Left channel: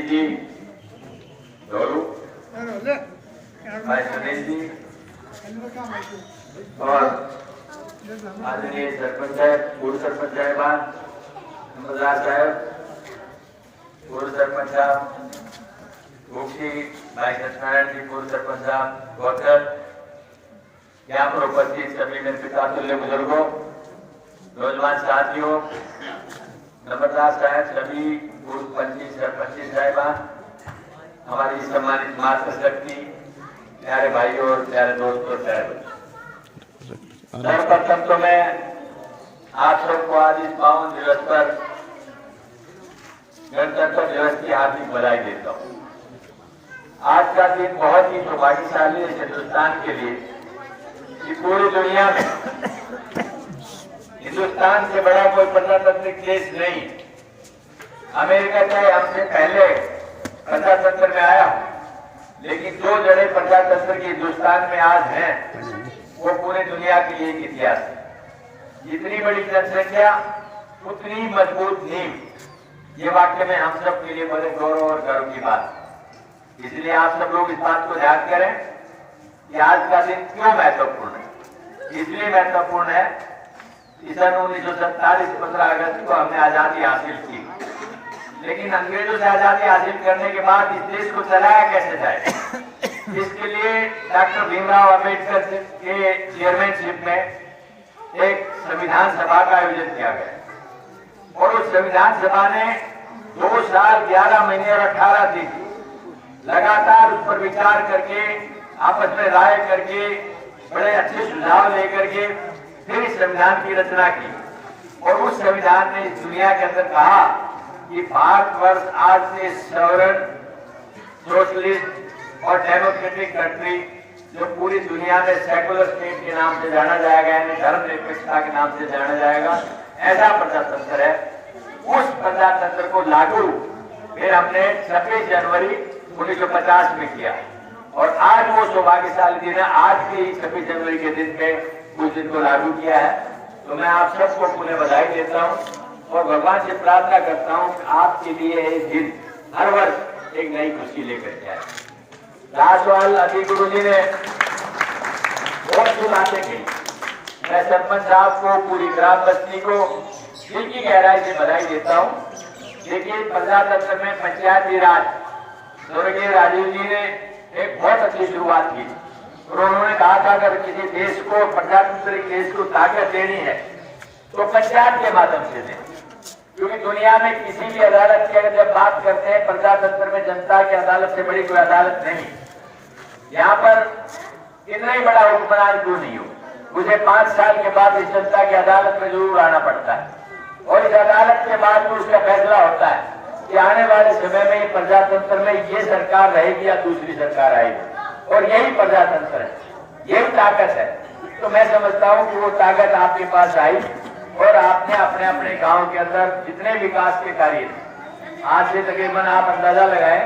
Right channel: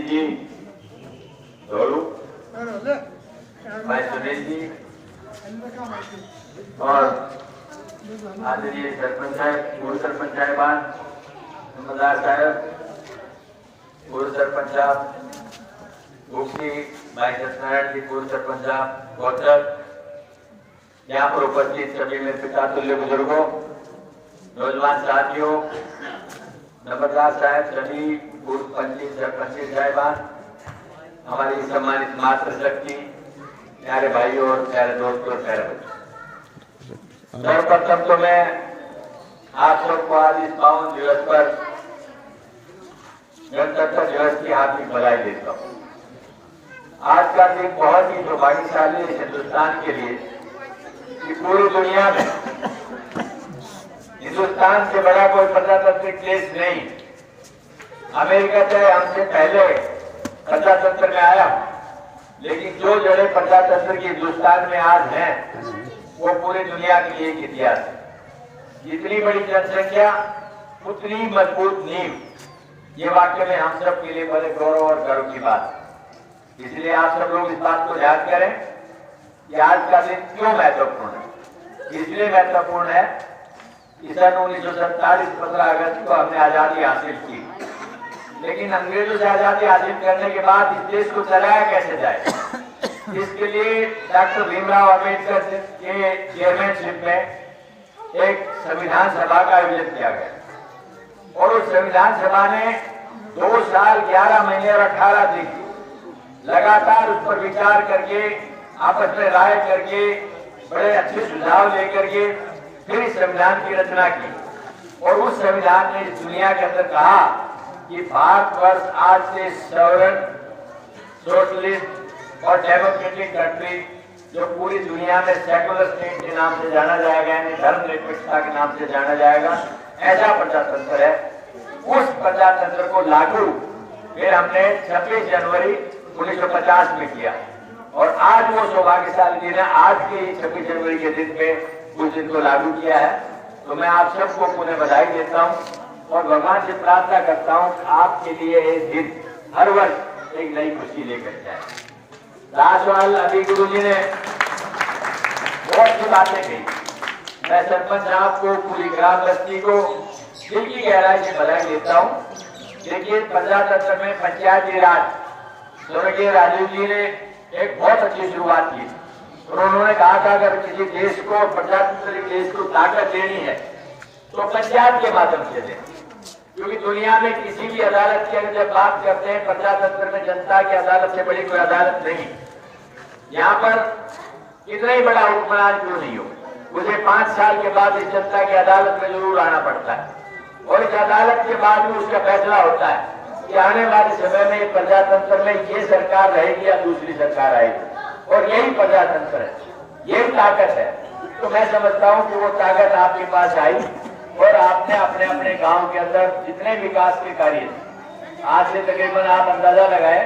रंजीत जी धोरू, भाई सुनील जी और आदरणीय सरपंच साहब, पूर्व सरपंच साहिबान, मजार साहब, पूर्व सरपंच साहब, मुफ्ती भाई सत्यनारायण जी, पूर्व सरपंच साहब, गौचर, यहाँ पर उपस्थित सभी मेरे पिता तुल्य बुजुर्गों, नौजवान साथियों, नंबरदार साहब, सभी पूर्व पंच सरपंच साहिबान, हमारी सम्मानित मातृ शक्ति, प्यारे भाइयों और प्यारे दोस्तों, सर्वप्रथम तो मैं आप सबको आज इस पावन दिवस पर गणतंत्र दिवस की हार्दिक बधाई देता हूँ। आज का दिन बहुत ही सौभाग्यशाली है हिंदुस्तान के लिए कि पूरी दुनिया में हिंदुस्तान से बड़ा कोई प्रजातांत्रिक देश नहीं। अमेरिका से हमसे पहले प्रजातंत्र में आया, लेकिन जो जड़े प्रजातंत्र की हिंदुस्तान में आज हैं वो पूरी दुनिया के लिए एक इतिहास है। जितनी बड़ी जनसंख्या उतनी मजबूत नींव, ये वाकई में हम सब के लिए बड़े गौरव और गर्व की बात है। इसलिए आप सब लोग इस बात को याद करें कि आज का दिन क्यों महत्वपूर्ण है। इसलिए महत्वपूर्ण है कि सन 1947 15 अगस्त को हमने आजादी हासिल की, लेकिन अंग्रेजों से आजादी हासिल करने के बाद इस देश को चलाया कैसे जाए, इसके लिए डॉक्टर भीमराव अम्बेडकर के चेयरमैनशिप में एक संविधान सभा का आयोजन किया गया और उस संविधान सभा ने 2 साल 11 महीने और 18 दिन लगातार उस पर विचार करके, आपस में राय करके, बड़े अच्छे सुझाव लेकर के फिर इस संविधान की रचना की। और उस संविधान ने इस दुनिया के अंदर कहा कि भारतवर्ष आज से सॉवरेन, सोशलिस्ट और डेमोक्रेटिक कंट्री, जो पूरी दुनिया में सेकुलर स्टेट के नाम से जाना जाएगा, यानी धर्मनिरपेक्षता के नाम से जाना जाएगा, ऐसा प्रजातंत्र है। उस प्रजातंत्र को लागू फिर हमने 26 जनवरी 1950 में किया और आज वो सौभाग्यशाली दिन है। आज के 26 जनवरी के दिन पे उस दिन को लागू किया है। तो मैं आप सबको पुनः बधाई देता हूँ और भगवान से प्रार्थना करता हूँ कि आपके लिए ये दिन हर वर्ष एक नई खुशी लेकर के आए। दासवाल अभी गुरु जी ने बहुत सी बातें कही। मैं सरपंच साहब को, पूरी ग्राम बस्ती को दिल की गहराई से बधाई देता हूँ। देखिए, प्रजातंत्र में पंचायती राज स्वर्गीय राजीव जी ने एक बहुत अच्छी शुरुआत की और उन्होंने कहा था अगर किसी देश को, प्रजातांत्रिक देश को ताकत देनी है तो पंचायत के माध्यम से दें, क्योंकि दुनिया में किसी भी अदालत की अगर जब बात करते हैं, प्रजातंत्र में जनता की अदालत से बड़ी कोई अदालत नहीं। यहाँ पर कितना ही बड़ा हुक्मरान क्यों नहीं हो, मुझे 5 साल के बाद इस जनता की अदालत में जरूर आना पड़ता है और इस अदालत के बाद भी उसका फैसला होता है कि आने वाले समय में प्रजातंत्र में ये सरकार रहेगी या दूसरी सरकार आएगी, और यही प्रजातंत्र है, यही ताकत है। तो मैं समझता हूँ कि वो ताकत आपके पास आई और आपने अपने अपने गांव के अंदर जितने विकास के कार्य, आज से तकरीबन आप अंदाजा लगाए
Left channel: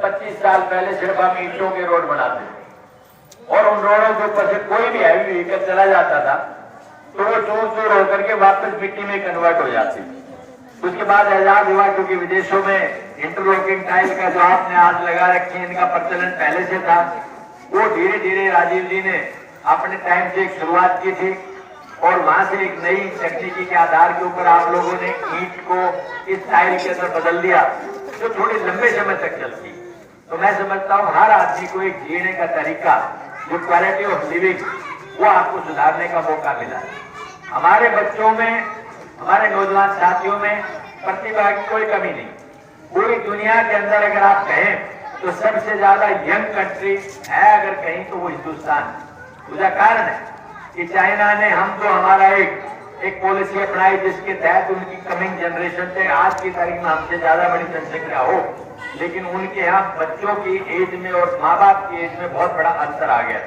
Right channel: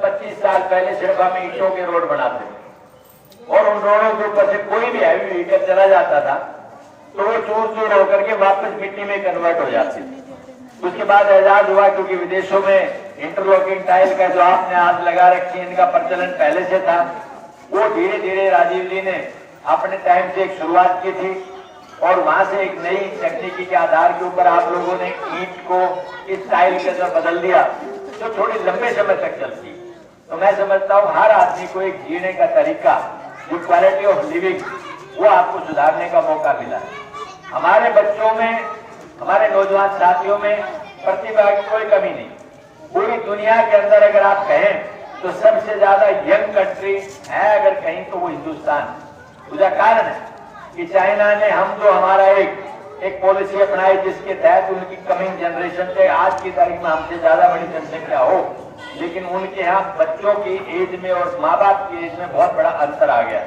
25 साल पहले सिर्फ हम ईंटों के रोड बनाते और उन रोडों के ऊपर से कोई भी हैवी व्हीकल चला जाता था तो वो चूर चूर होकर के वापस मिट्टी में कन्वर्ट हो जाती। उसके बाद एजाज हुआ क्योंकि विदेशों में इंटरलॉकिंग टाइल का जो आपने आज लगा रखी है, इनका प्रचलन पहले से था। वो धीरे धीरे राजीव जी ने अपने टाइम से एक शुरुआत की थी और वहां से एक नई तकनीकी के आधार के ऊपर आप लोगों ने ईंट को इस टाइल के अंदर बदल दिया जो थोड़ी लंबे समय तक चलती। तो मैं समझता हूँ हर आदमी को एक जीने का तरीका, जो क्वालिटी ऑफ लिविंग, वो आपको सुधारने का मौका मिला है। हमारे बच्चों में, हमारे नौजवान साथियों में प्रतिभा की कोई कमी नहीं। पूरी दुनिया के अंदर अगर आप कहें तो सबसे ज्यादा यंग कंट्री है अगर कहीं तो वो हिंदुस्तान। उसका कारण है कि चाइना ने हम जो हमारा एक पॉलिसी अपनाई जिसके तहत उनकी कमिंग जनरेशन पे आज की तारीख में हमसे ज्यादा बड़ी जनसंख्या हो, लेकिन उनके यहाँ बच्चों की एज में और माँ बाप की एज में बहुत बड़ा अंतर आ गया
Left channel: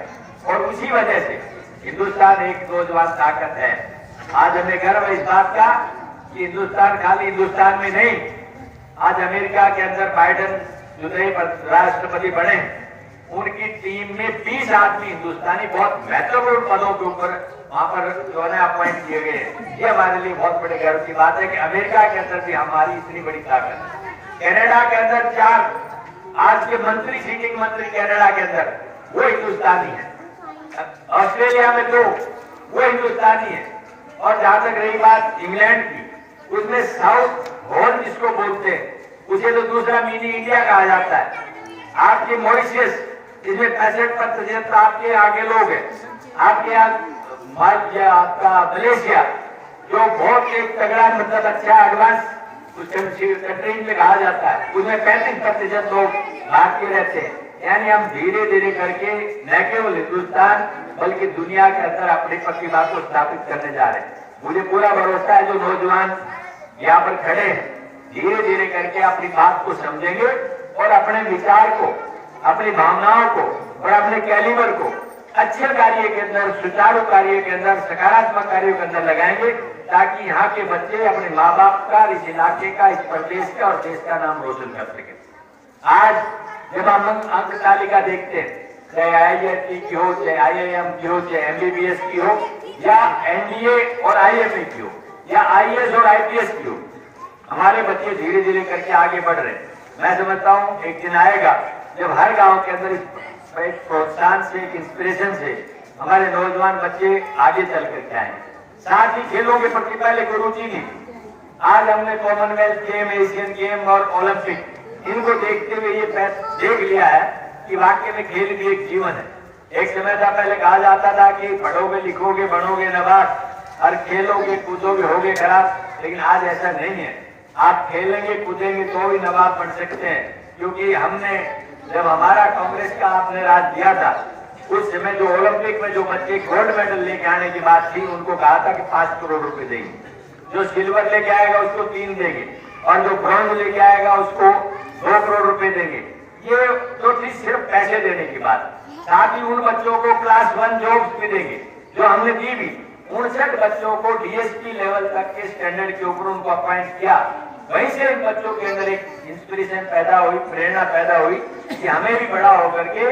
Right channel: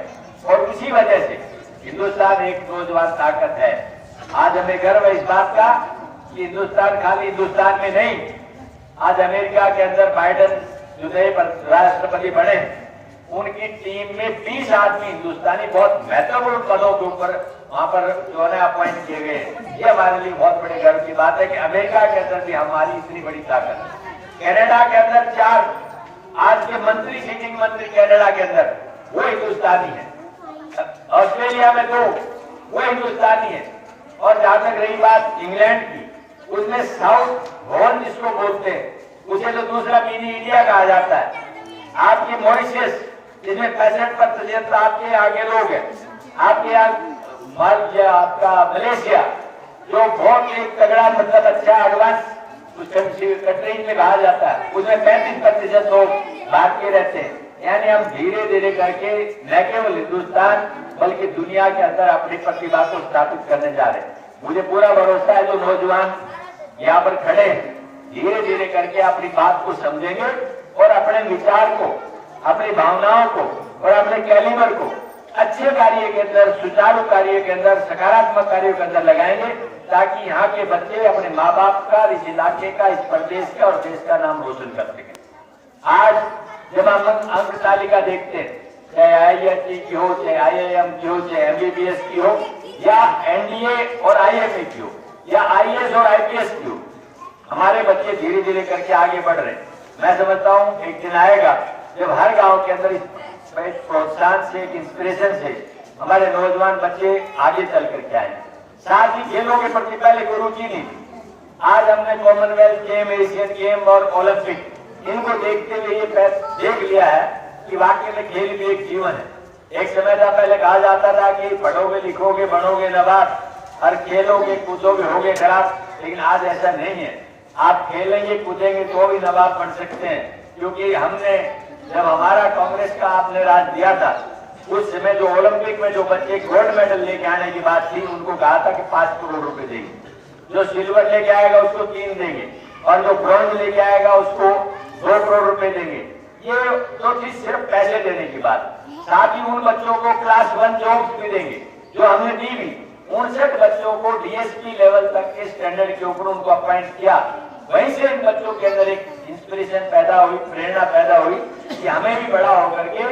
और उसी वजह से हिंदुस्तान एक नौजवान ताकत है। आज हमें गर्व है इस बात का कि हिंदुस्तान खाली हिंदुस्तान में नहीं, आज अमेरिका के अंदर बाइडेन जो नए राष्ट्रपति बने उनकी टीम में 20 आदमी हिंदुस्तानी बहुत महत्वपूर्ण पदों के ऊपर वहां पर जो है अपॉइंट किए गए। ये हमारे लिए बहुत बड़े गर्व की बात है कि अमेरिका के अंदर भी हमारी इतनी बड़ी ताकत है। कनाडा के अंदर 4 आज के मंत्री, सिटिंग मंत्री कनाडा के अंदर वो हिंदुस्तानी है। ऑस्ट्रेलिया में 2 वो हिंदुस्तानी है। और जहां तक रही बात इंग्लैंड की, उसमें साउथ हॉल जिसको बोलते हैं, उसे तो दूसरा मिनी इंडिया कहा जाता है। आपके मॉरिशस, जिसमें 65% आपके आगे लोग हैं। आपके यहाँ आपका मलेशिया, जो बहुत एक तगड़ा मतलब अच्छा एडवांस कंट्रीज में कहा जाता है, उसमें 35% लोग भारतीय रहते हैं। यानी हम धीरे धीरे करके न केवल हिंदुस्तान बल्कि दुनिया के अंदर अपनी प्रतिभा को स्थापित करने जा रहे हैं। मुझे पूरा भरोसा है जो नौजवान यहाँ पर खड़े हैं, धीरे धीरे करके अपनी बात को समझेंगे और अपने विचार को, अपनी भावनाओं को और अपने कैलिबर को अच्छे कार्य के अंदर, सुचारू कार्य के अंदर, सकारात्मक कार्यों के अंदर लगाएंगे, ताकि यहाँ के बच्चे अपने माँ बाप का, इस इलाके का, इस प्रदेश का और देश का नाम रोशन कर सके। आज जब हम अंक तालिका देखते हैं, चाहे IIT की हो, चाहे IIM की हो, चाहे MBBS की हो, या NDA और IMA की हो, या IAS और IPS की हो, हमारे बच्चे धीरे धीरे करके आगे बढ़ रहे हैं। मैं समझता हूँ एक दिन आएगा जब हर गांव के अंदर एक प्रोत्साहन से, एक इंस्पिरेशन से हमारे नौजवान बच्चे आगे चल करके आएंगे। साथ ही खेलों के प्रति पहले कोई रुचि नहीं थी। आज हमने कॉमनवेल्थ गेम, एशियन गेम और ओलंपिक, इनको देखते हुए ये देख लिया है कि वाकई में खेल भी एक जीवन है। एक समय था पहले कहा जाता था कि पढ़ोगे, लिखोगे, बनोगे नवाब, और खेलोगे, कूदोगे, होगे खराब, लेकिन आज ऐसा नहीं है। आप खेलेंगे, कूदेंगे तो भी नवाब बन सकते हैं, क्योंकि हमने जब हमारा कांग्रेस का आपने राज दिया था, उस समय जो ओलंपिक में जो बच्चे गोल्ड मेडल लेके आने की बात थी, उनको कहा था कि 5 करोड़ रुपए देंगे, जो सिल्वर लेके आएगा उसको 3 देंगे, और जो ब्रॉन्ज लेके आएगा उसको 2 करोड़ रुपए देंगे। ये तो थी सिर्फ पैसे देने की बात। साथ ही उन बच्चों को क्लास 1 जॉब्स भी देंगे, जो हमने दी भी। 59 बच्चों को DSP लेवल तक के स्टैंडर्ड के ऊपर उनको अपॉइंट किया। वहीं से इन बच्चों के अंदर एक इंस्पिरेशन पैदा हुई, प्रेरणा पैदा हुई कि हमें भी बड़ा होकर के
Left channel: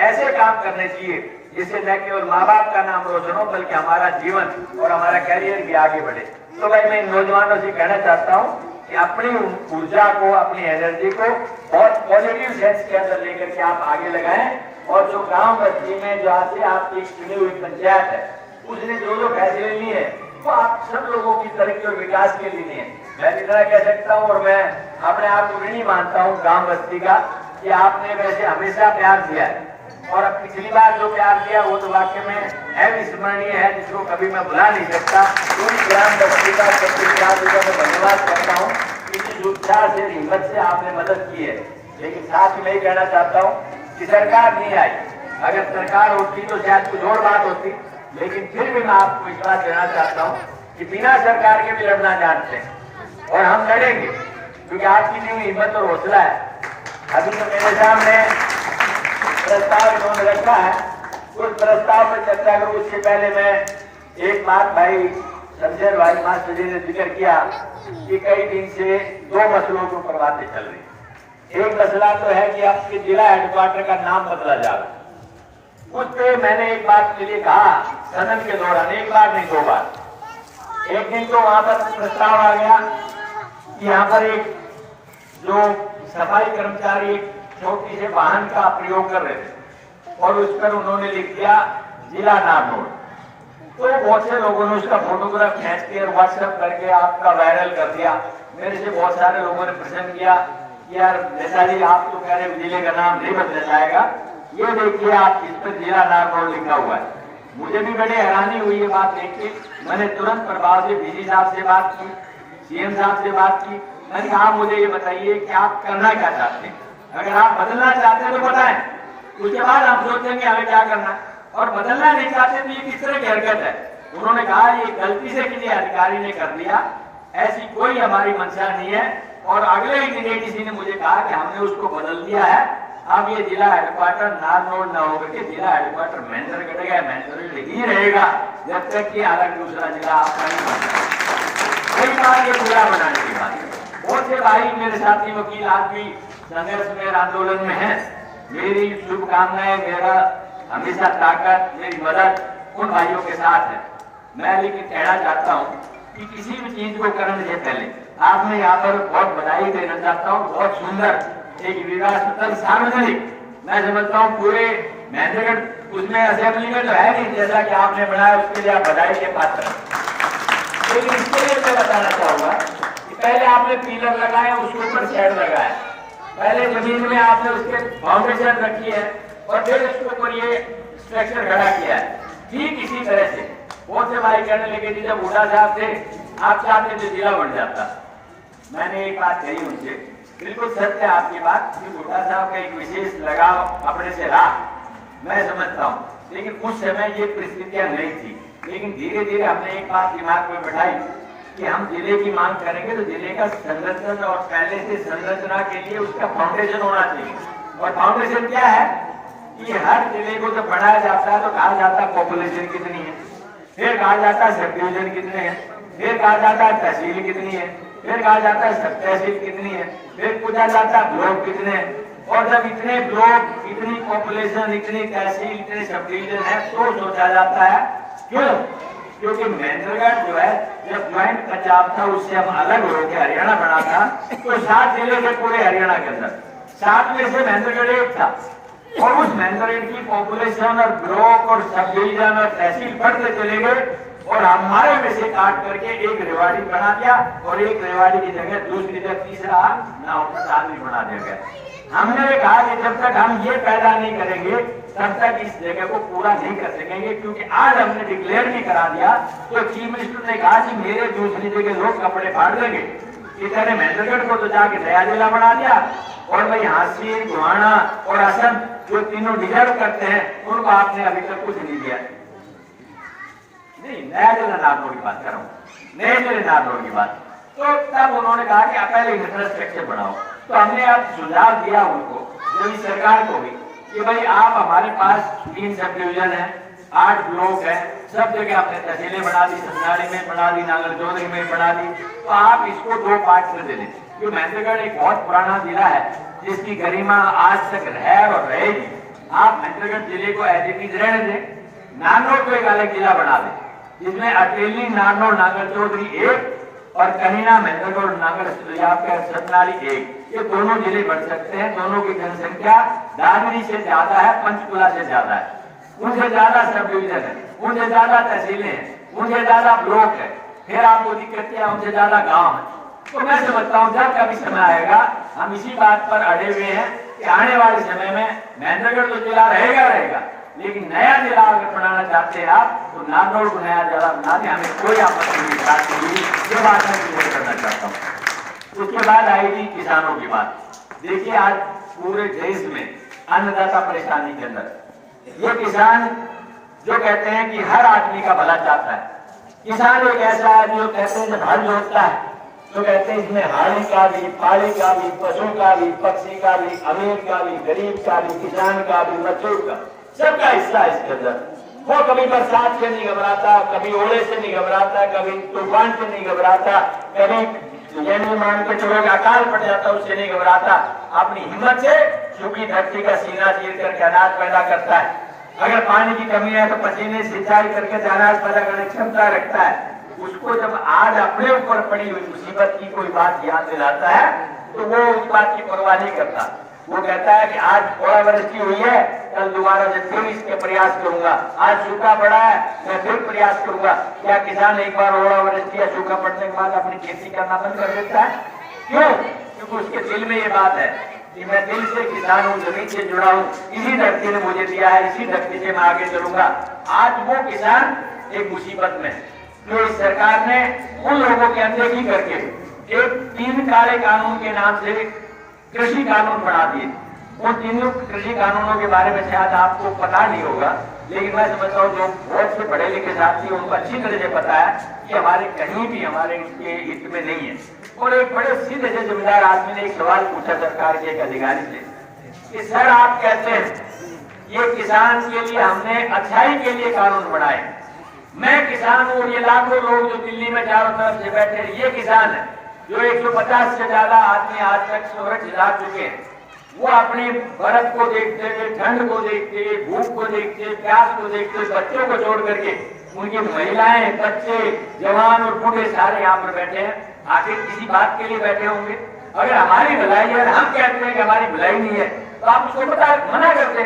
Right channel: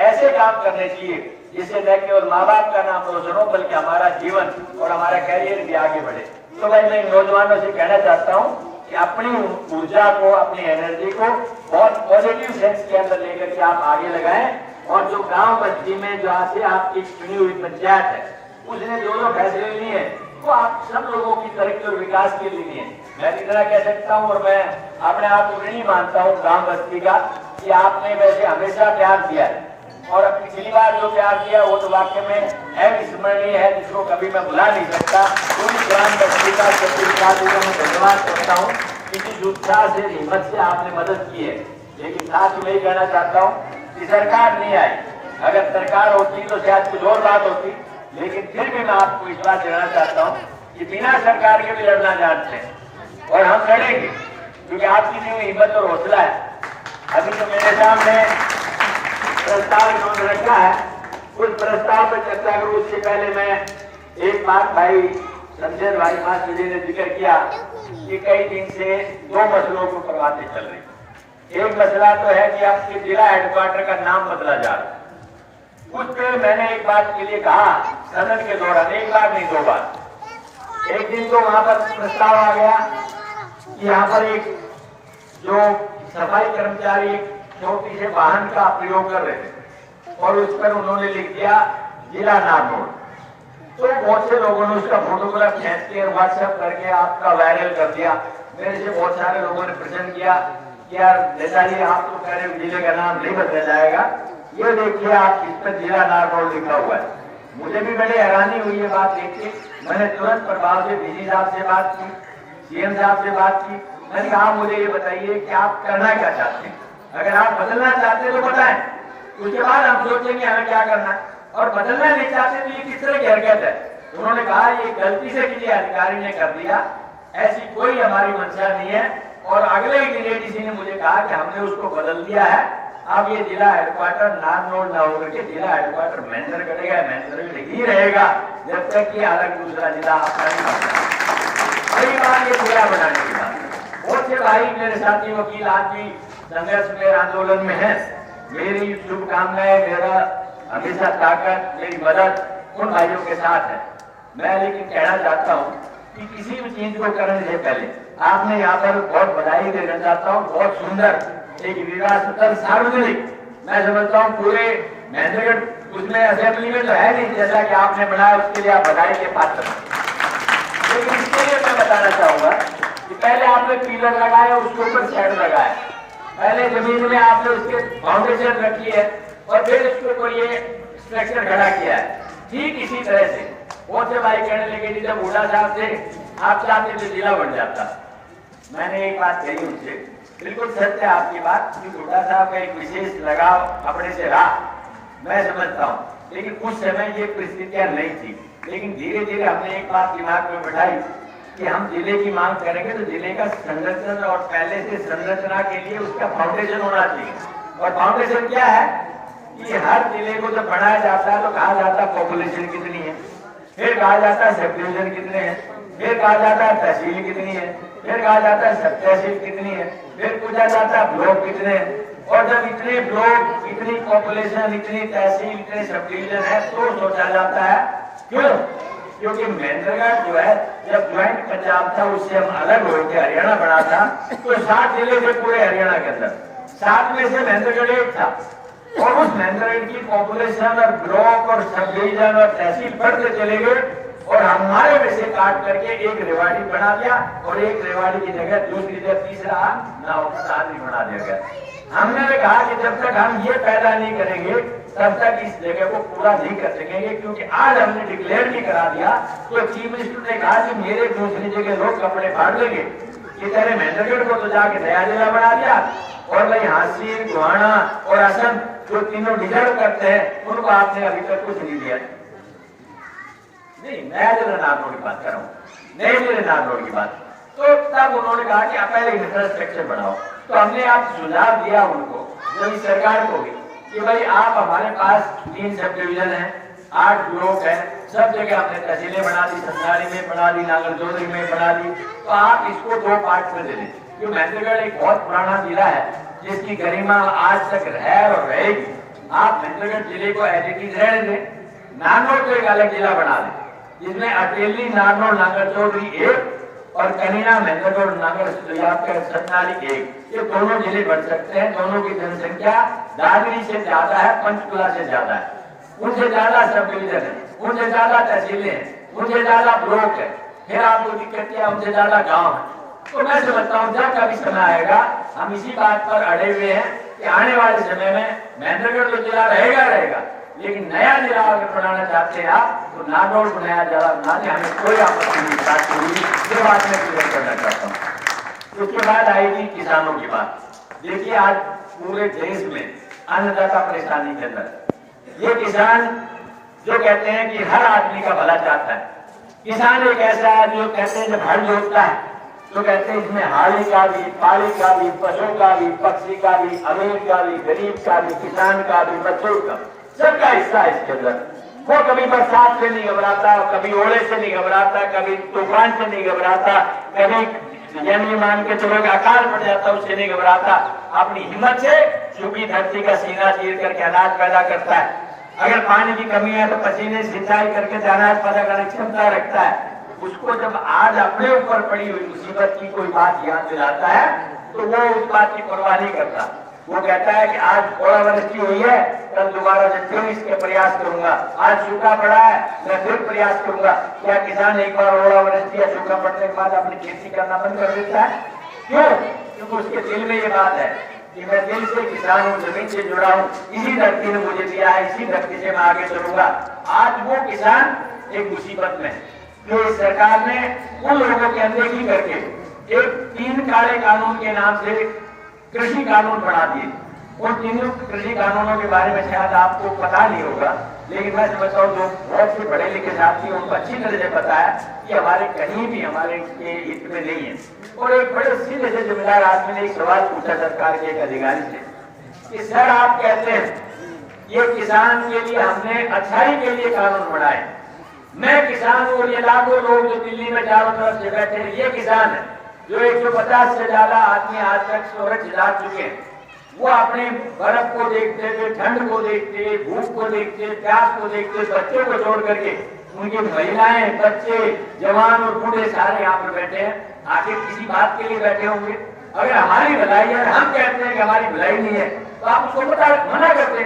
ऐसे काम करने चाहिए जिससे न केवल माँ बाप का नाम रोशन हो, बल्कि हमारा जीवन और हमारा कैरियर भी आगे बढ़े। तो भाई मैं इन नौजवानों से कहना चाहता हूँ कि अपनी ऊर्जा को, अपनी एनर्जी को बहुत पॉजिटिव सेंस के अंदर लेकर के आप आगे लगाएं, और जो गांव बस्ती में जहाँ से आपकी चुनी हुई पंचायत है, उसने जो फैसले लिए वो आप सब लोगों की तरक्की और विकास के लिए है। मैं इतना कह सकता हूँ, और मैं अपने आप को नहीं मानता हूँ गांव बस्ती का, कि आपने वैसे हमेशा प्यार दिया है, और अब पिछली बार जो प्यार दिया वो तो वाकई में अविस्मरणीय है, जिसको कभी मैं भुला नहीं सकता। पूरी ग्राम बस्ती का मैं धन्यवाद करता हूँ, इसी उत्साह से, हिम्मत से आपने मदद की है। लेकिन साथ ही नहीं कहना चाहता हूँ कि सरकार नहीं आई, अगर सरकार होती तो शायद कुछ और बात होती, लेकिन फिर भी मैं आपको विश्वास देना चाहता हूँ कि बिना सरकार के भी लड़ना जानते हैं, और हम लड़ेंगे, क्योंकि आपकी भी हिम्मत और हौसला है। अभी तो मेरे सामने प्रस्ताव जो रखा है, उस प्रस्ताव पर चर्चा करूं उससे पहले मैं एक बात भाई शमशेर भाई मास्टर जी ने जिक्र किया कि कई दिन से 2 मसलों को पर बातें चल रही। एक मसला तो है कि आपके जिला हेडक्वार्टर का नाम बदला जाए। उस पर मैंने एक बात के लिए कहा सदन के दौरान, एक बार नहीं 2 बार। एक दिन तो वहां पर प्रस्ताव आ गया कि यहाँ पर एक जो सफाई कर्मचारी छोटी से वाहन का प्रयोग कर रहे थे, और उस पर उन्होंने लिख दिया जिला नागौर। तो बहुत से लोगों ने उसका फोटोग्राफ खींच के व्हाट्सएप करके आपका वायरल कर दिया। मेरे से बहुत सारे लोगों ने प्रश्न किया कि यार नेताजी आप तो कह रहे जिले का नाम नहीं बदला जाएगा, ये देखिए आप इस पर जिला नागौर लिखा हुआ है। मुझे भी बड़ी हैरानी हुई ये बात देख के। मैंने तुरंत प्रभाव से डीजी साहब से बात की, CM साहब से बात की। मैंने कहा मुझे ये बताइए कि आप करना क्या चाहते हैं, अगर आप बदलना चाहते हैं तो बताएं, उसके बाद हम सोचेंगे हमें क्या करना है। और बदलना नहीं चाहते तो ये किस तरह की हरकत है। उन्होंने कहा ये गलती से किसी अधिकारी ने कर दिया, ऐसी कोई हमारी मंशा नहीं है। और अगले ही दिन किसी ने मुझे कहा कि हमने उसको बदल दिया है, अब ये जिला हेडक्वार्टर नारनौल न होकर के जिला हेडक्वार्टर महेंद्रगढ़ का महेंद्रगढ़ ही रहेगा, जब तक कि अलग दूसरा जिला आपका नहीं बनता। कई बार ये जिला बनाने की बात, बहुत से भाई मेरे साथी वकील आज भी संघर्ष में, आंदोलन में है। मेरी शुभकामनाएं, मेरा हमेशा ताकत, मेरी मदद उन भाइयों के साथ है। मैं लेकिन कहना चाहता हूँ कि किसी भी चीज को करने से पहले आपने यहाँ पर बहुत बधाई देना चाहता हूँ। बहुत सुंदर एक विवाह स्थल सार्वजनिक, मैं समझता हूँ पूरे महेंद्रगढ़ उसमें असेंबली में तो है नहीं जैसा कि आपने बनाया, उसके लिए आप बधाई के पात्र हैं। लेकिन इसके लिए मैं बताना चाहूंगा कि पहले आपने पिलर लगाया, उसके ऊपर शेड लगाया, पहले जमीन में आपने उसके फाउंडेशन रखी है और फिर उसके ऊपर ये स्ट्रक्चर खड़ा किया है। ठीक इसी तरह से बहुत से भाई कहने लगे जब बूढ़ा साहब थे आप चाहते थे जिला बन जाता। मैंने एक बात कही उनसे, बिल्कुल सत्य है आपकी बात कि बूढ़ा साहब का एक विशेष लगाव अपने से रहा, मैं समझता हूँ, लेकिन उस समय ये परिस्थितियां नहीं थी। लेकिन धीरे धीरे हमने एक बात दिमाग में बैठाई कि हम जिले की मांग करेंगे तो जिले का संरचना और पहले से संरचना के लिए उसका फाउंडेशन होना चाहिए। और फाउंडेशन क्या है कि हर जिले को जब बढ़ाया जाता है तो कहा जाता है पॉपुलेशन कितनी है, फिर कहा जाता है सब डिवीजन कितने हैं, फिर कहा जाता है तहसील कितनी है, फिर कहा जाता है सब तहसील कितनी है, फिर पूछा जाता है ब्लॉक कितने हैं। और जब इतने ब्लॉक, इतनी पॉपुलेशन, इतनी तहसील, इतने सब डिवीजन है तो सोचा जाता है क्यों, क्योंकि महेंद्रगढ़ जो है जब ज्वाइंट पंजाब था उससे हम अलग होकर हरियाणा बना था तो 7 जिले थे पूरे हरियाणा के अंदर, 7 में से महेंद्रगढ़ एक था। और उस महेंद्रगढ़ की पॉपुलेशन और ब्लॉक और सब डिवीजन और तहसील बढ़ते चले गए और हमारे में से काट करके एक रेवाड़ी बना दिया और एक रेवाड़ी की जगह दूसरी जगह तीसरा आदमी बना दिया गया। हमने कहा कि जब तक हम ये पैदा नहीं करेंगे तब तक इस जगह को पूरा नहीं कर सकेंगे, क्योंकि आज हमने डिक्लेयर भी करा दिया तो चीफ मिनिस्टर ने कहा कि मेरे दूसरी जगह लोग कपड़े फाड़ लेंगे, इतने महेंद्रगढ़ को तो जाके नया जिला बना दिया और भाई हांसी, गोहाना और असम जो तीनों डिजर्व करते हैं उनको आपने अभी तक कुछ नहीं दिया। नहीं, नया जिला नागौर की बात कर रहा हूँ, नए जिले नागौर की बात। तो तब उन्होंने कहा कि पहले इंफ्रास्ट्रक्चर बढ़ाओ। तो हमने आप सुझाव दिया उनको, जो इस सरकार को भी, कि भाई आप हमारे पास 3 सब डिवीजन है, 8 ब्लॉक है, सब जगह आपने तहसीलें बना दी, समनारी में बना दी, नागरजोधरी में बना दी, तो आप इसको 2 पार्ट में दे दें। क्योंकि महेंद्रगढ़ एक बहुत पुराना जिला है जिसकी गरिमा आज तक है और रहेगी। आप महेंद्रगढ़ जिले को एज इट इज रहने दें, नागौर को एक अलग जिला बना दें जिसमें अटेली, नागौर, नागरजोधरी एक और कनीना, महेंद्रगढ़, नागर सतनाली एक, ये दोनों जिले बढ़ सकते हैं। दोनों की जनसंख्या दादरी से ज्यादा है, पंचकुला से ज्यादा है, उनसे ज्यादा सब डिवीजन है, उनसे ज्यादा तहसीलें हैं, उनसे ज्यादा ब्लॉक है, फिर आपको दिक्कत क्या, उनसे ज्यादा गांव है। तो मैं समझता हूँ जब कभी समय आएगा हम इसी बात पर अड़े हुए हैं कि आने वाले समय में महेंद्रगढ़ तो जिला रहेगा, लेकिन नया जिला अगर बनाना चाहते हैं आप तो नागौर को नया जिला बना दें, हमें कोई आपत्ति नहीं। ये बात मैं क्लियर करना चाहता हूँ। उसके बाद आएगी किसानों की बात। देखिए आज पूरे देश में अन्नदाता परेशानी के अंदर, ये किसान जो कहते हैं कि हर आदमी का भला चाहता है, किसान एक ऐसा आदमी जो कहते हैं जब हल जोतता है तो कहते हैं इसमें हाड़ी का भी, पाड़ी का भी, पशु का भी, पक्षी का भी, अमीर का भी, गरीब का भी, किसान का भी, मजदूर का, सबका हिस्सा है इसके अंदर। वो कभी बरसात से नहीं घबराता, कभी ओले से नहीं घबराता, कभी तूफान से नहीं घबराता, कभी यानी मान के चलो अकाल पड़ जाता उससे नहीं घबराता, अपनी हिम्मत से सूखी धरती का सीना चीर करके अनाज पैदा करता है। अगर पानी की कमी है तो पसीने सिंचाई करके अनाज पैदा करने की क्षमता रखता है। उसको जब आज अपने ऊपर पड़ी हुई मुसीबत की कोई बात याद दिलाता है तो वो उस बात की परवाह नहीं करता। वो कहता है कि आज ओलावृष्टि हुई है, कल दोबारा से फिर इसके प्रयास करूंगा, आज सूखा पड़ा है मैं फिर प्रयास करूंगा। क्या किसान एक बार ओलावृष्टि या सूखा पड़ने के बाद अपनी खेती करना बंद कर देता है? क्यों? क्योंकि उसके दिल में ये बात है कि मैं दिल से किसान हूँ, जमीन से जुड़ा हूँ, इसी धरती ने मुझे दिया है, इसी धरती से मैं आगे चलूंगा। आज वो किसान एक मुसीबत में है। तो इस सरकार ने उन लोगों की अनदेखी करके एक 3 काले कानून के नाम से कृषि कानून बना दिए। उन 3 कृषि कानूनों के बारे में शायद आपको पता नहीं होगा, लेकिन मैं समझता हूँ जो बहुत से पढ़े लिखे साथी उनको अच्छी तरह से पता है कि हमारे कहीं भी हमारे इसके हित में नहीं है। और एक बड़े सीधे से जिम्मेदार आदमी ने एक सवाल पूछा सरकार के एक अधिकारी से कि सर आप कहते हैं ये किसान के लिए हमने अच्छाई के लिए कानून बनाए, मैं किसान हूँ और ये लाखों लोग जो दिल्ली में चारों तरफ से बैठे हैं ये किसान है जो 150 से ज्यादा आदमी आज तक सूरज जला चुके हैं। वो अपनी बर्फ को देखते हुए, ठंड को देखते हुए, भूख को देखते हुए, प्यास को देखते हुए, बच्चों को छोड़ करके उनकी महिलाएं, बच्चे, जवान और बूढ़े सारे यहाँ पर बैठे हैं। आखिर किसी बात के लिए बैठे होंगे? अगर हमारी भलाई है, हम कहते हैं कि हमारी भलाई नहीं है, तो आप उसको मना करते।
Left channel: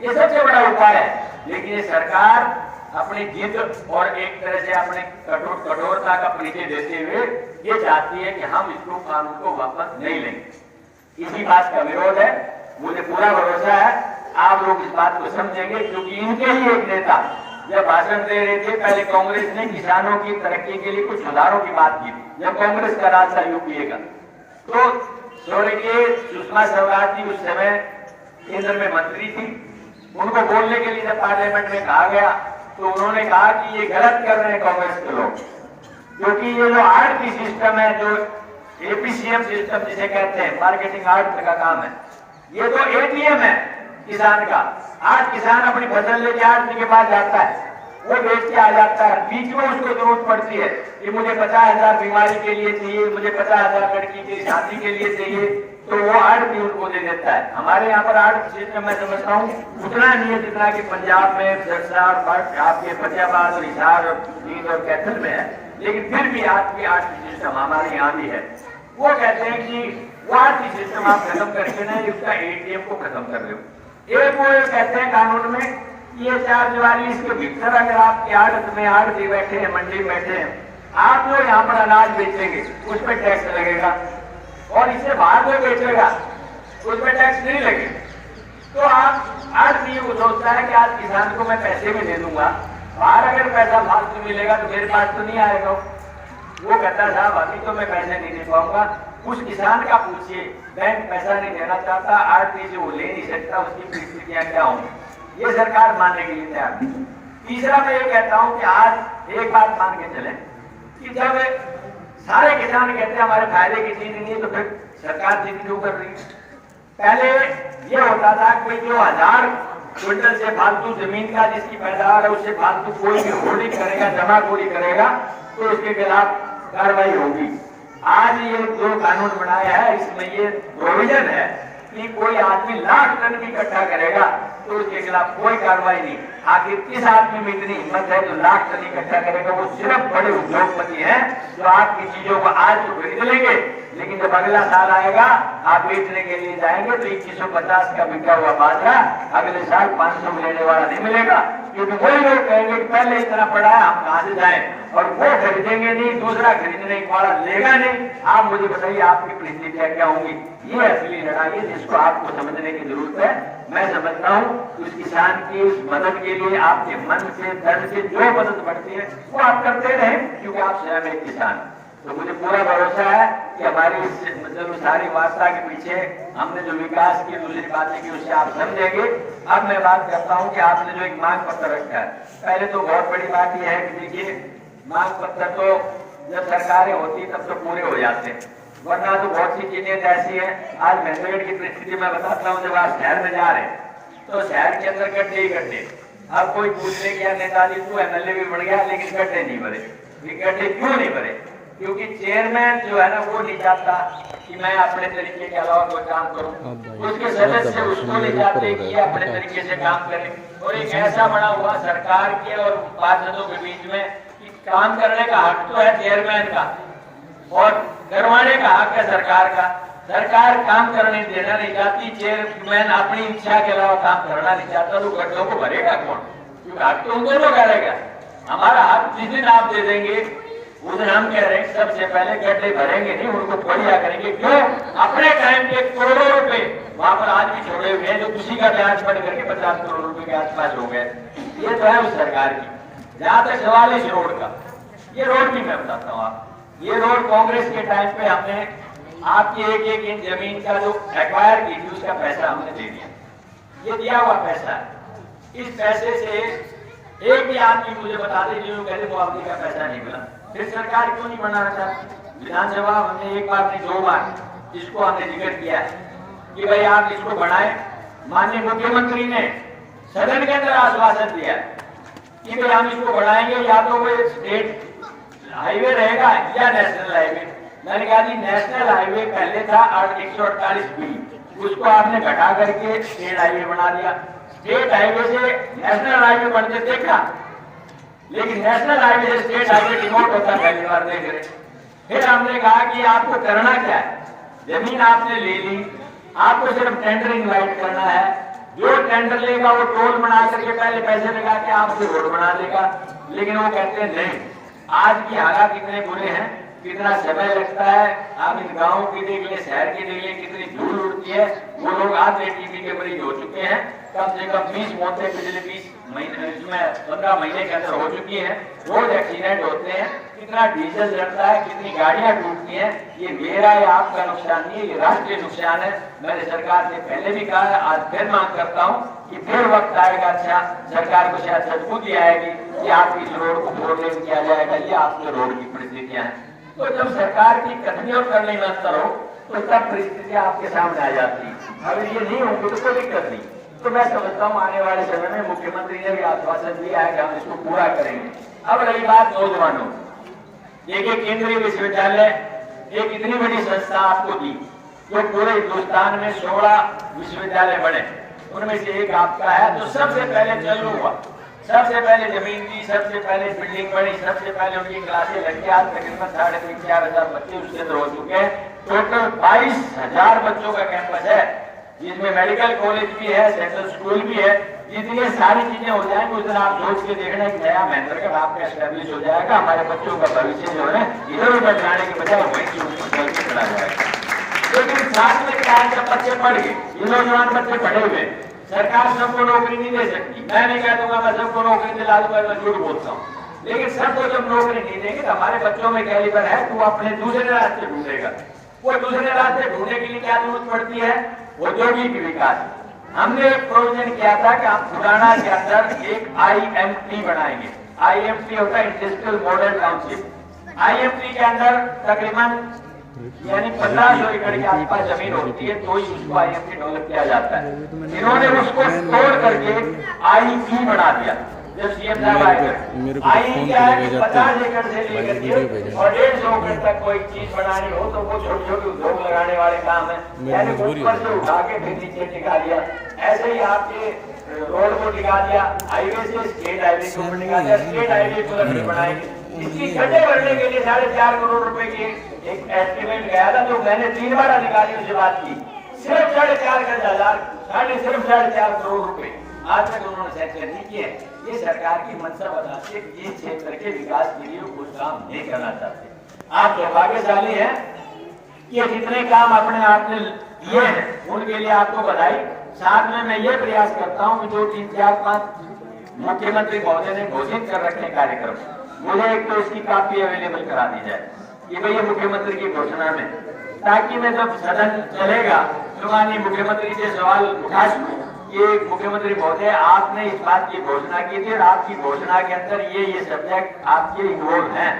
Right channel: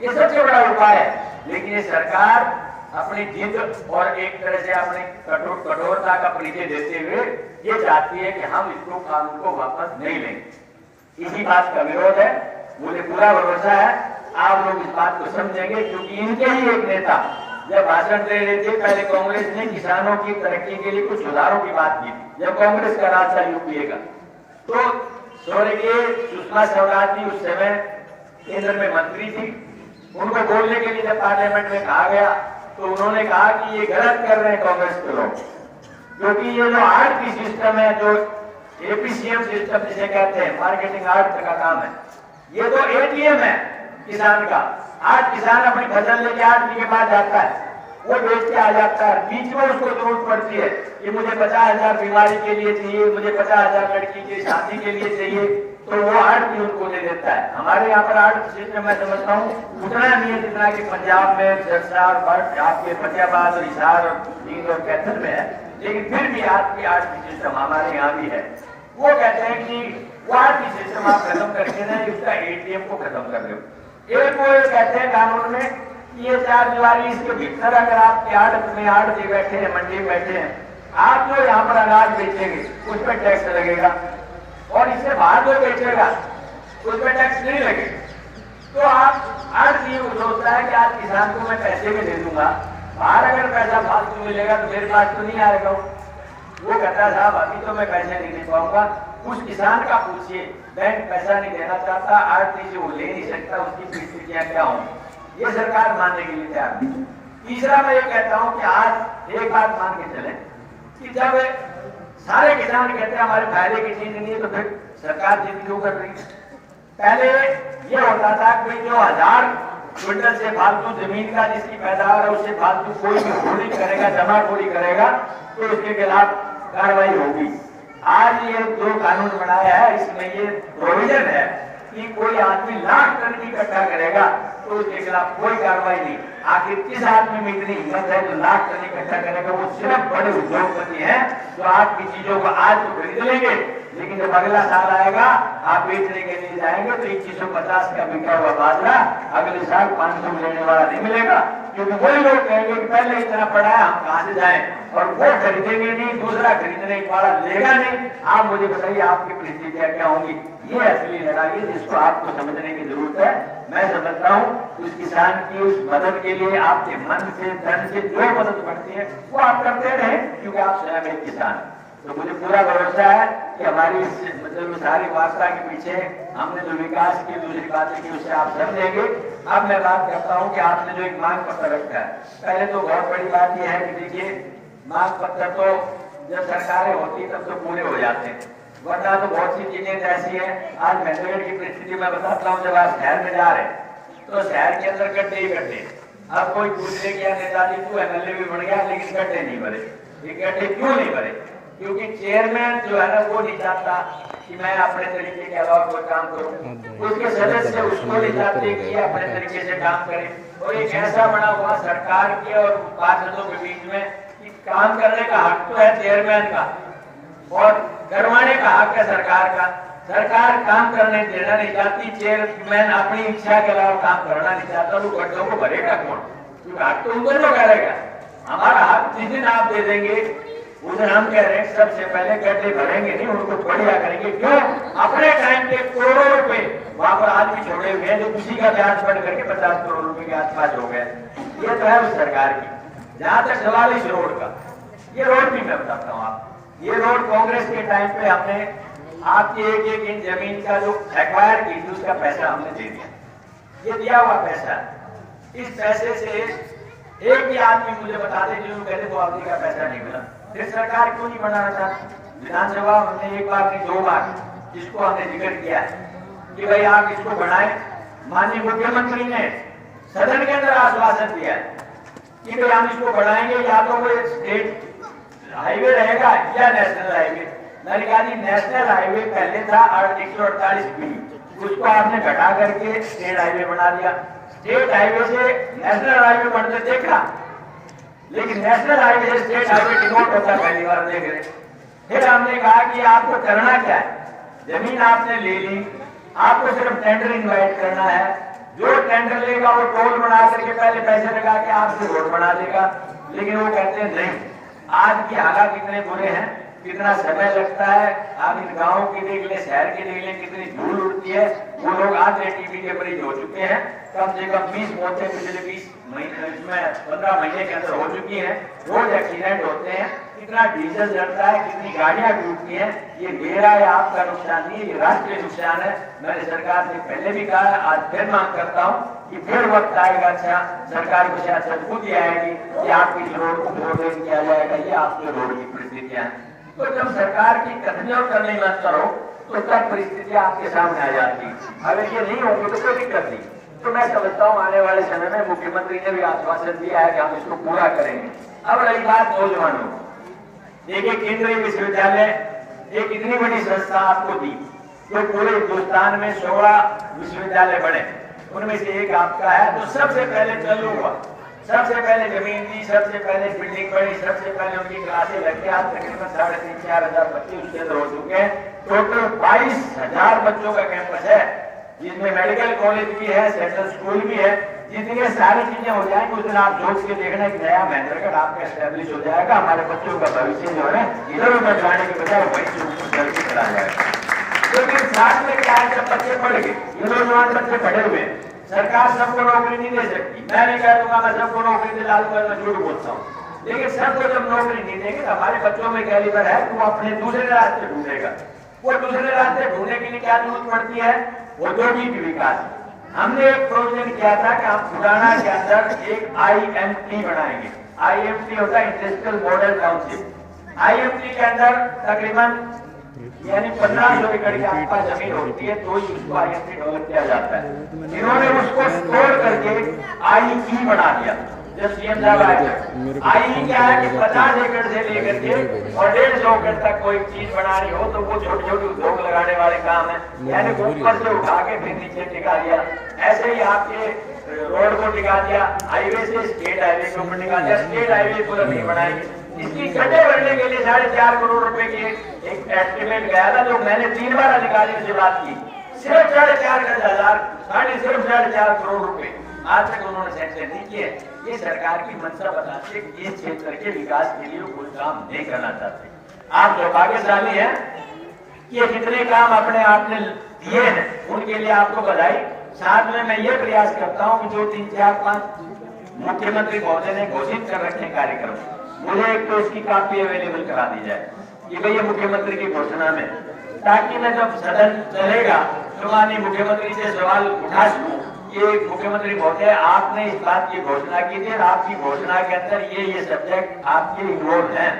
ये सबसे बड़ा उपाय है। लेकिन ये सरकार अपनी जिद और एक तरह से अपने कठोरता का परिचय देते हुए ये चाहती है कि हम इसको कानून को वापस नहीं लेंगे। इसी बात का विरोध है। मुझे पूरा भरोसा है आप लोग इस बात को समझेंगे, क्योंकि इनके ही एक नेता जब भाषण दे रहे थे, पहले कांग्रेस ने किसानों की तरक्की के लिए कुछ सुधारों की बात की थी। जब कांग्रेस का राज था यूपीए का, तो स्वर्गीय सुषमा स्वराज जी उस समय केंद्र में मंत्री थी। उनको बोलने के लिए जब पार्लियामेंट में कहा गया तो उन्होंने कहा कि ये गलत कर रहे हैं कांग्रेस के लोग, क्योंकि ये जो आर्ट सिस्टम है, जो एपीसीएम सिस्टम जिसे कहते हैं, मार्केटिंग आर्ट का काम है, ये तो एटीएम है किसान का। आज किसान अपनी फसल लेके आड़ती के पास जाता है, वो बेच के आ जाता है, बीच में उसको जरूरत पड़ती है कि मुझे 50,000 बीमारी के लिए चाहिए, मुझे 50,000 लड़की की शादी के लिए चाहिए, तो वो आड़ती उनको दे देता है। हमारे यहाँ पर आर्ट सिस्टम मैं समझता हूँ उतना नहीं है जितना कि पंजाब में सिरसा, आपके फतेहाबाद और हिसार और नींद और कैथल में है, लेकिन फिर भी आपकी आर्ट सिस्टम हमारे यहाँ भी है। वो कहते हैं कि वो आर्ट सिस्टम आप खत्म करके ना इसका एटीएम को खत्म कर दो। एक वो ये कहते हैं कानून में कि ये 4 दीवारी इसके भीतर अगर आपकी आड़त में आड़ती बैठे हैं, मंडी बैठे हैं, आप वो यहाँ पर अनाज बेचेंगे उस पर टैक्स लगेगा, और इसे बाहर को बेचेगा उस पर टैक्स नहीं लगेगा। तो आप आड़ती को सोचता है कि आज किसान को मैं पैसे भी दे दूंगा, बाहर अगर पैसा फालतू मिलेगा तो मेरे पास तो नहीं आएगा। वो कहता साहब अभी तो मैं पैसे नहीं दे पाऊंगा। उस किसान का पूछिए, बैंक पैसा नहीं देना चाहता, आरती से वो ले नहीं सकता, उसकी परिस्थितियां क्या होंगी, ये सरकार मानने के लिए तैयार नहीं। तीसरा मैं ये कहता हूं कि आज एक बात मान के चले कि जब सारे किसान कहते हैं हमारे फायदे की चीज नहीं है, तो फिर सरकार जिद क्यों कर रही है? पहले ये होता था कि जो 1000 क्विंटल से फालतू जमीन का जिसकी पैदावार है उससे फालतू कोई भी होल्डिंग करेगा, जमाखोरी करेगा, तो उसके खिलाफ कार्रवाई होगी। आज ये जो कानून बनाया है इसमें ये प्रोविजन है कि कोई आदमी लाख टन भी इकट्ठा करेगा तो उसके खिलाफ कोई कार्रवाई नहीं। आखिर किस आदमी में इतनी हिम्मत है जो लाख टन इकट्ठा करेगा? वो सिर्फ बड़े उद्योगपति हैं जो आपकी चीजों को आज तो खरीद लेंगे, लेकिन जब अगला साल आएगा आप बेचने के लिए जाएंगे तो 2150 का बिका हुआ बाजरा अगले साल 500 में लेने वाला नहीं मिलेगा, क्योंकि वही लोग कहेंगे कि पहले इतना पड़ा है हम कहां से जाएं, और वो खरीदेंगे नहीं, दूसरा खरीदने वाला लेगा नहीं। आप मुझे बताइए आपकी परिस्थितियां क्या होंगी? ये असली लड़ाई है जिसको आपको समझने की जरूरत है। मैं समझता हूँ उस किसान की उस मदद के लिए आपके मन से, धन से जो मदद बढ़ती है वो आप करते रहे, क्योंकि आप स्वयं एक किसान। तो मुझे पूरा भरोसा है कि हमारी मतलब सारी वार्ता के पीछे हमने जो विकास की दूसरी बातें की उसे आप समझेंगे। अब मैं बात करता हूँ कि आपने जो एक मांग पत्र रखा है, पहले तो बहुत बड़ी बात यह है कि देखिए मांग पत्र तो जब सरकारें होती तब तो पूरे हो जाते हैं, वरना तो बहुत सी चीजें ऐसी है। आज महंगाई की परिस्थिति में बताता हूँ, जब आप शहर में जा रहे हैं तो शहर के अंदर गड्ढे ही गड्ढे। अब कोई पूछ ले कि नेताजी को एमएलए भी बढ़ गया लेकिन गड्ढे नहीं भरे। ये गड्ढे क्यों नहीं भरे? क्योंकि चेयरमैन जो है ना वो नहीं चाहता कि मैं अपने तरीके के अलावा कोई काम करूं, उसके सदस्य उसको नहीं चाहते कि अपने तरीके से काम करें। और एक ऐसा बना हुआ सरकार के और पार्षदों के बीच में कि काम करने का हक तो है चेयरमैन का और करवाने का हक है सरकार का। सरकार काम करने देना नहीं चाहती, चेयरमैन अपनी इच्छा के अलावा काम करना नहीं चाहता, तो गड्ढों को भरेगा कौन? क्योंकि हक तो उनको लोग करेगा। हमारा हक जिस दिन आप दे देंगे उस दिन हम कह रहे हैं सबसे पहले गड्ढे भरेंगे नहीं, उनको बढ़िया करेंगे। क्यों? अपने टाइम पे करोड़ों रुपए वहां पर आदमी छोड़े हुए हैं जो किसी का ब्याज बढ़ करके 50 करोड़ रुपए के आसपास हो गए। ये तो है उस सरकार की। जहां तक सवाल इस रोड का, ये रोड भी मैं बताता हूँ आप, ये रोड कांग्रेस के टाइम पे हमने आपकी एक इंच जमीन का जो एक्वायर की थी उसका पैसा हमने दे दिया। ये दिया हुआ पैसा है। इस पैसे से एक भी आदमी मुझे बता दे जो कहते वो अवधि का पैसा नहीं मिला। फिर सरकार क्यों नहीं बनाना चाहती? विधानसभा हमने एक बार नहीं 2 बार इसको हमने जिक्र किया है कि भाई आप इसको बढ़ाएं। माननीय मुख्यमंत्री ने सदन के अंदर आश्वासन दिया है कि भाई हम इसको बढ़ाएंगे, या तो वे स्टेट हाईवे रहेगा या नेशनल हाईवे। मैंने कहा जी नेशनल हाईवे पहले था 148B, उसको आपने घटा करके स्टेट हाईवे बना दिया। स्टेट हाईवे से नेशनल हाईवे बनते देखा, लेकिन नेशनल हाईवे से स्टेट हाईवे डिमोट होता पहली बार देख रहे। फिर हमने कहा कि आपको करना क्या है, जमीन आपने ले ली, आपको सिर्फ टेंडर इनवाइट करना है, जो टेंडर लेगा वो टोल बना करके पहले पैसे लगा के आपसे रोड बना देगा। लेकिन वो कहते हैं नहीं, आज की हालात कितने बुरे हैं, कितना समय लगता है, आप इन गाँव के देख ले, शहर के देख ले, कितनी धूल उड़ती है। वो लोग आधे टीबी के मरीज हो चुके हैं, कम से कम 20 मौतें पिछले 20 महीने इसमें 15 महीने के अंदर हो चुकी हैं। रोज एक्सीडेंट होते हैं, कितना डीजल जलता है, कितनी गाड़ियां टूटती हैं। ये मेरा या आपका नुकसान नहीं है, ये राष्ट्रीय नुकसान है। मैंने सरकार से पहले भी कहा, आज फिर मांग करता हूँ कि फिर वक्त आएगा, अच्छा सरकार को शायद सद्बुद्धि आएगी कि आपकी इस रोड को फोरलेन किया जाएगा, ये आपके रोड की परिस्थितियां हैं। तो जब सरकार की कथनियों करने में करो तो तब परिस्थितियां आपके सामने आ जाती है। अगर ये नहीं होगी तो कोई दिक्कत नहीं। तो मैं समझता हूँ आने वाले समय में मुख्यमंत्री ने भी आश्वासन दिया है कि हम इसको पूरा करेंगे। अब रही बात नौजवानों, देखिए केंद्रीय विश्वविद्यालय एक इतनी बड़ी संस्था आपको दी, जो पूरे हिंदुस्तान में 16 विश्वविद्यालय बने, उनमें से एक आपका है। तो सबसे पहले चालू हुआ, सबसे पहले जमीन दी, सबसे पहले बिल्डिंग बनी, सबसे पहले उनकी क्लासें लगी। आज तकरीबन 3,500-4,000 बच्चे उसके अंदर हो चुके हैं। टोटल 22,000 बच्चों का कैंपस है, जिसमें मेडिकल कॉलेज भी है, सेंट्रल स्कूल भी है। जितनी सारी चीजें हो जाएंगी उस दिन आप सोच के देखना कि नया महेंद्रगढ़ आपका एस्टेब्लिश हो जाएगा। हमारे बच्चों का भविष्य जो है इधर उधर जाने के बजाय वहीं चला जाएगा। लेकिन साथ में क्या है, जब बच्चे पढ़ गए, ये नौजवान बच्चे पढ़े हुए, सरकार सबको नौकरी नहीं दे सकती। मैं नहीं कह दूंगा मैं सबको नौकरी दिला दूंगा, मैं झूठ बोलता हूँ। लेकिन सबको जब नौकरी नहीं देंगे तो हमारे बच्चों में कैलिबर है, वो अपने दूसरे रास्ते ढूंढेगा। वो दूसरे रास्ते ढूंढने के लिए क्या जरूरत पड़ती है, औद्योगिक विकास। हमने एक प्रोविजन किया था कि आप खुराना के अंदर एक IMT बनाएंगे। IMT होता है इंडस्ट्रियल मॉडल टाउनशिप। IMT के अंदर तकरीबन यानी 1500 एकड़ की आसपास जमीन होती है, तो ही उसको IMT डेवलप किया जाता है। इन्होंने उसको तोड़ करके IE बना दिया। जो सीएम साहब आए, IE क्या है कि 50 एकड़ से लेकर के और 150 एकड़ तक कोई चीज बनानी हो तो वो छोटी छोटी उद्योग लगाने वाले काम है, यानी ऊपर से उठा के फिर नीचे टिका दिया। ऐसे ही आपके रोड को टिका दिया, हाईवे से स्टेट हाईवे को टिका दिया, स्टेट हाईवे को बनाएंगे। इसकी गड्ढे भरने के लिए 4.5 करोड़ रुपए की एक एस्टिमेट गया था, जो मैंने 3 बार अधिकारियों से बात की। सिर्फ 4.5 करोड़ रुपए आज तक उन्होंने सैंक्शन नहीं किए। ये सरकार की मंशा बताती है कि इस क्षेत्र के विकास के लिए कोई काम नहीं करना चाहते। आप दुर्भाग्यशाली हैं कि जितने काम अपने आपने दिए हैं उनके लिए आपको बधाई। साथ में मैं ये प्रयास करता हूँ कि जो 3, 4, 5 मुख्यमंत्री महोदय ने घोषित कर रखे कार्यक्रम, मुझे एक तो उसकी कापी अवेलेबल करा दी जाए कि भैया मुख्यमंत्री की घोषणा में, ताकि मैं जब सदन चलेगा तो माननीय मुख्यमंत्री से सवाल उठा सकूं कि मुख्यमंत्री महोदय आपने इस बात की घोषणा की थी और आपकी घोषणा के अंदर ये सब्जेक्ट आपके इन्वॉल्व हैं,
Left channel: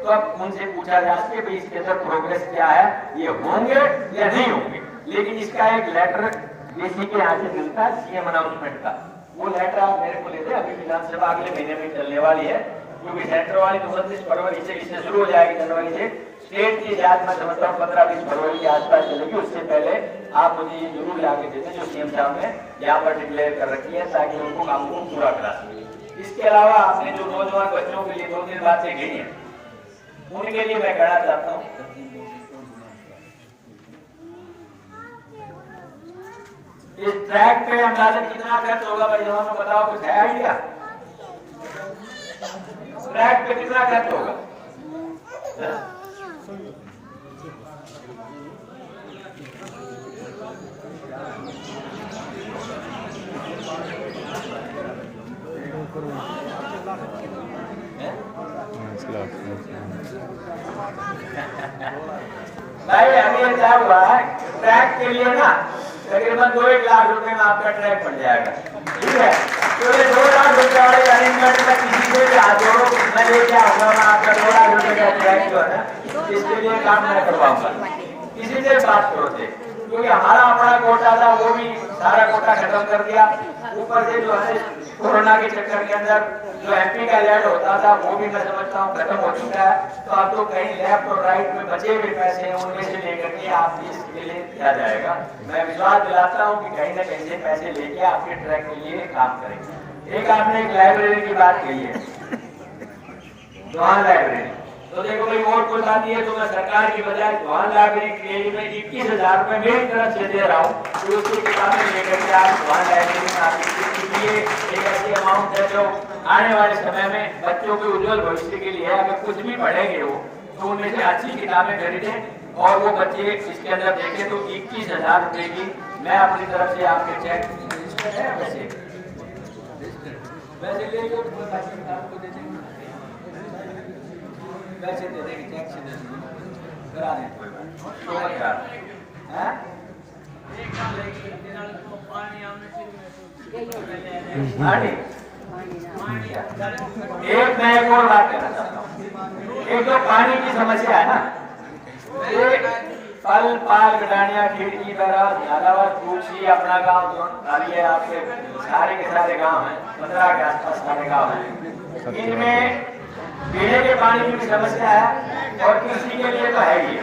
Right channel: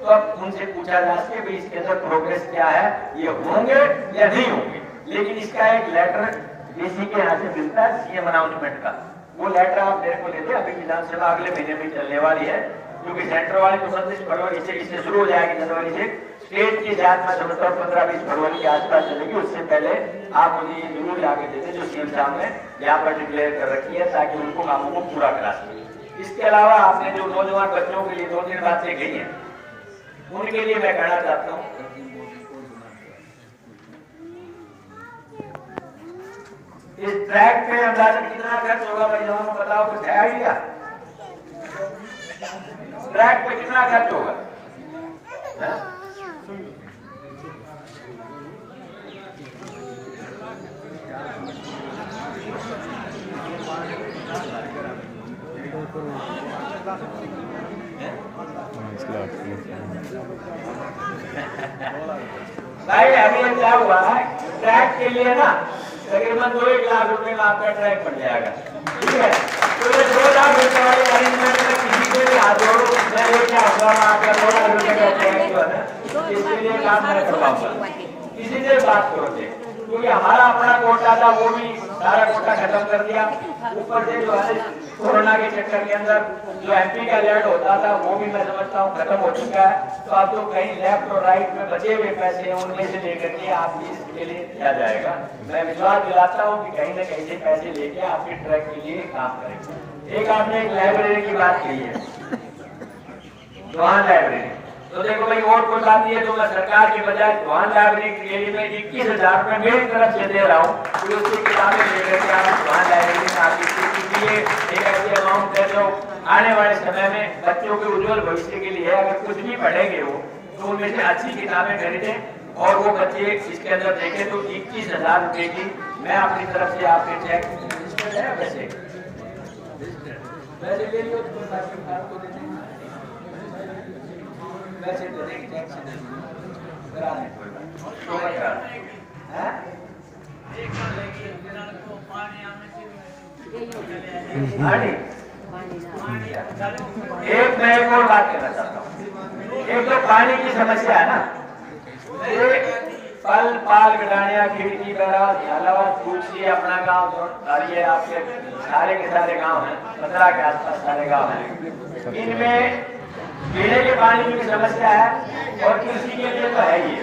तो अब उनसे पूछा जा सके कि इसके अंदर प्रोग्रेस क्या है, ये होंगे या नहीं होंगे। लेकिन इसका एक लेटर डीसी के यहाँ से मिलता है सीएम अनाउंसमेंट का, वो लेटर आप मेरे को लेते। अभी विधानसभा अगले महीने में चलने वाली है, क्योंकि सेंटर वाली 29 फरवरी से इससे शुरू हो जाएगी, जनवरी से। स्टेट की जांच में समझता हूँ 15-20 फरवरी के आसपास चलेगी। उससे पहले आप मुझे जरूर जाके देते जो सीएम साहब ने यहाँ पर डिक्लेयर कर रखी है, ताकि उनको कामों को पूरा करा सके। इसके अलावा आपने जो नौजवान बच्चों के लिए 2-3 बातें कही हैं, उनके लिए मैं कहना चाहता हूँ, इस ट्रैक पे अंदाजन कितना खर्च होगा भाई जवानों बताओ, कुछ है आइडिया? ट्रैक पे कितना खर्च होगा? भाई अभी क्या हुआ है, ट्रैक के लिए ना तकरीबन 2-1 लाख रुपए में आपका ट्रैक बन जाएगा, ठीक है। तो ये 2 लाख रुपए वाले अरेंजमेंट में किसी से भी हाथ जोड़ो, मैं लेके आऊंगा आपका 2 लाख रुपए का ट्रैक जो है ना, इसके लिए काम मैं करवाऊंगा। किसी से बात करो थे, क्योंकि हमारा अपना कोटा था वो भी सारा कोटा खत्म कर दिया। ऊपर से जो है कोरोना के चक्कर के अंदर जो MP का लेट होता था वो भी मैं समझता हूँ खत्म हो चुका है। तो अब तो कहीं लेफ्ट और राइट में बचे हुए पैसे हैं, उनमें से लेकर के आपकी इसके लिए किया जाएगा। मैं विश्वास दिलाता हूँ कि कहीं न कहीं से पैसे लेके आपके ट्रैक के लिए काम करेंगे। एक आपने एक लाइब्रेरी की बात कही है, वहाँ लाइब्रेरी, तो देखो भाई और कोई बात नहीं है, तो मैं सरकार के बजाय वाहन लाइब्रेरी के लिए मैं 21,000 रुपए मेरी तरफ से दे रहा हूँ। तो उसकी किताबें लेकर के आप वाहन लाइब्रेरी में आप एक ऐसी अमाउंट है जो आने वाले समय में बच्चों के उज्जवल भविष्य के लिए अगर कुछ भी पढ़ेंगे वो, तो उनमें से अच्छी किताबें खरीदें और वो बच्चे इसके अंदर देखें। तो 21,000 रुपए की मैं अपनी तरफ से आपके चेक वैसे ले लो, वैसे दे देंगे, टैक्स दे देंगे, करा दें। एक मैं एक और बात करना चाहता हूँ। एक तो पानी की समस्या है ना, पल पाल गडानिया खिड़की बहरावत झालावाड़ तुलसी अपना गांव तो ये आपके सारे के सारे गांव हैं, 15 के आसपास सारे गांव हैं। इनमें पीने के पानी की समस्या है और कृषि के लिए तो है ही।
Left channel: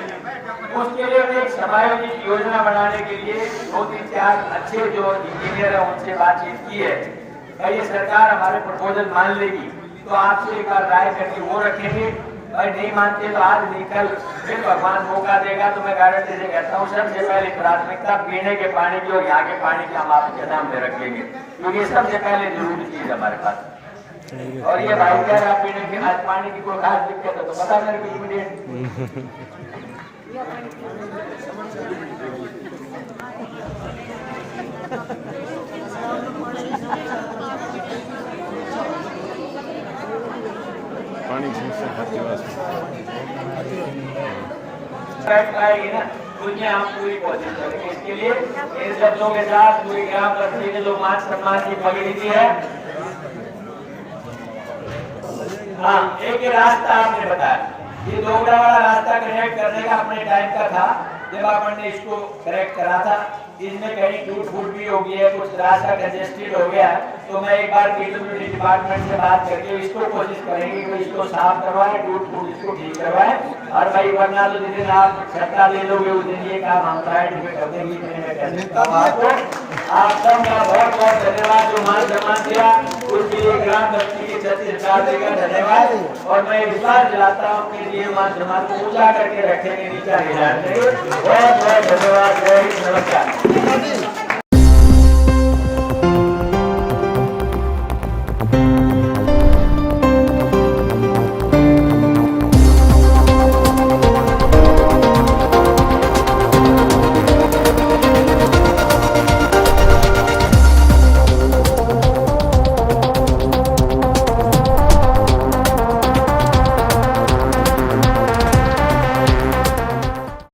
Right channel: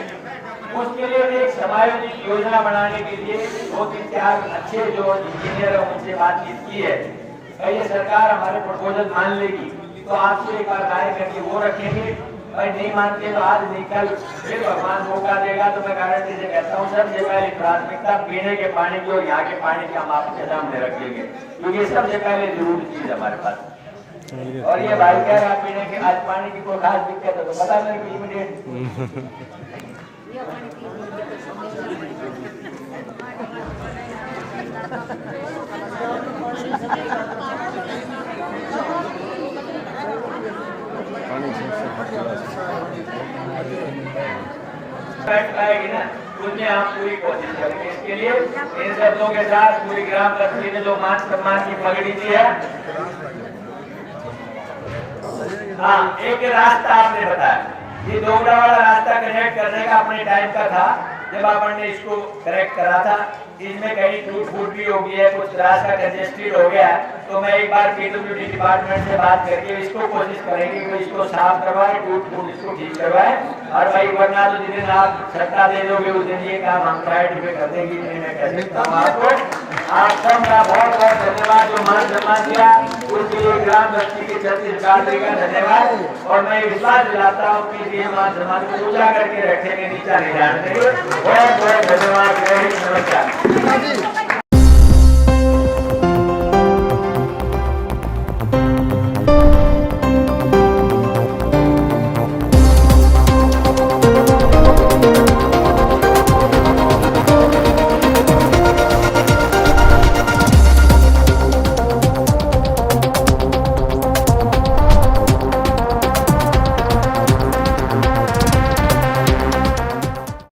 उसके लिए एक समायोजित योजना बनाने के लिए 2-3-4 अच्छे जो इंजीनियर है उनसे बातचीत की है। ये सरकार हमारे प्रपोजल मान लेगी तो आपसे एक बार राय करके वो रखेंगे। भाई नहीं मानते तो आज निकल फिर भगवान मौका देगा। तो मैं गारंटी से कहता हूँ सबसे पहले प्राथमिकता पीने के पानी की और यहाँ के पानी की हम आपके सामने रखेंगे, क्योंकि सबसे पहले जरूरी चीज हमारे पास। और ये भाई कह रहा पीने के आज पानी की कोई खास दिक्कत है तो पता करें इमीडिएट। पानी से पाएगी ना, उसमें हम पूरी कोशिश करेंगे। इसके लिए इन शब्दों के साथ पूरी ग्राम पंचायत ने जो मान सम्मान की पगड़ी दी है। हाँ, एक रास्ता आपने बताया, ये दोगला वाला रास्ता कनेक्ट करने का अपने टाइम का था जब अपन ने इसको करेक्ट करा था। इसमें कहीं टूट फूट भी हो गई है, कुछ रास्ता कंजेस्टेड हो गया है। तो मैं एक बार पीडब्ल्यूडी डिपार्टमेंट से बात करके इसको कोशिश करेंगे कि इसको साफ करवाए, टूट फूट इसको ठीक करवाए। और भाई वरना तो जिस दिन आप सत्ता ले लोगे उस दिन ये काम हम प्रायोरिटी पे कर देंगे। मैं कैसे आपको आप सबका बहुत बहुत धन्यवाद जो मान सम्मान दिया उसके लिए ग्राम बस्ती के 36 गांधी का धन्यवाद। और मैं इस बात दिलाता हूँ कि ये मान सम्मान को पूजा करके रखेंगे, नीचा नहीं जाने देंगे। बहुत बहुत धन्यवाद।